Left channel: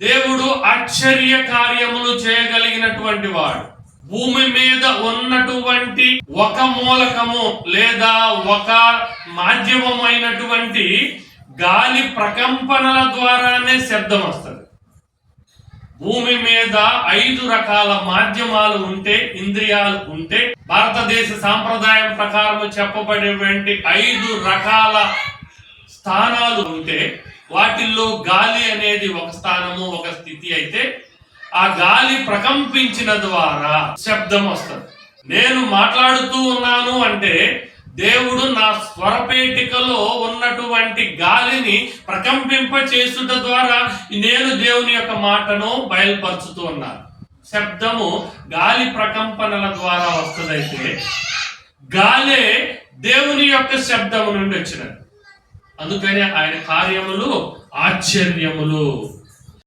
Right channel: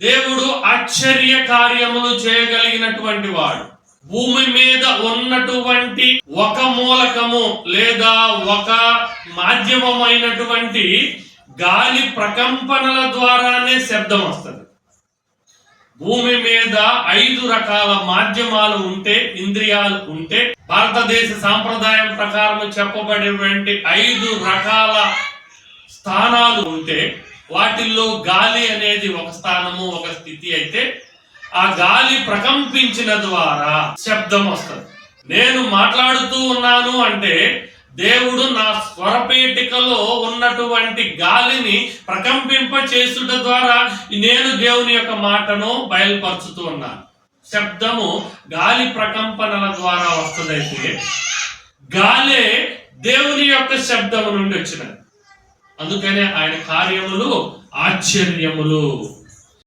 దేవుడు ఆశ్చర్య కార్యములు చేయగలిగినటువంటి వాడు. భూమి మీద ఉన్నటువంటి ఒక మూలకము లేదా ఒక మాధ్యమైనటువంటి గాలి ప్రకంపనల ద్వారానే శబ్దం వస్తుంది. భూమి మీద 5 రకాల మాధ్యమాలు ఉంటే, ఇంద్రియాలు ఉంటే, భారతదేశ సాంప్రదాయం ప్రకారం చెప్పబడేటువంటి 5 రకాల స్థానాలు ఉంటే, వాటిల్లో గాలి అనేది ఒక స్థానము, ఒక స్థితి అయితే, ఆ గాలి ప్రకంపించిన ద్వారా శబ్దం వస్తుంది. నేను మాట్లాడుతూ ఉన్నాను అంటే దేవుడు నా స్వరపేటికలో ఉన్నటువంటి గాలిని ప్రకంపింప చేసుట ద్వారా నేను దేవుని యొక్క మాటను బయలుపరుచుతూ ఉన్నాను. శబ్దము గాలి ప్రకంపనల ద్వారా వస్తుందైతే గాలే దేవుని యొక్క శబ్దము నుండి వచ్చినది. అందుకనే ఆయన కార్యములు ఆశ్చర్యములు.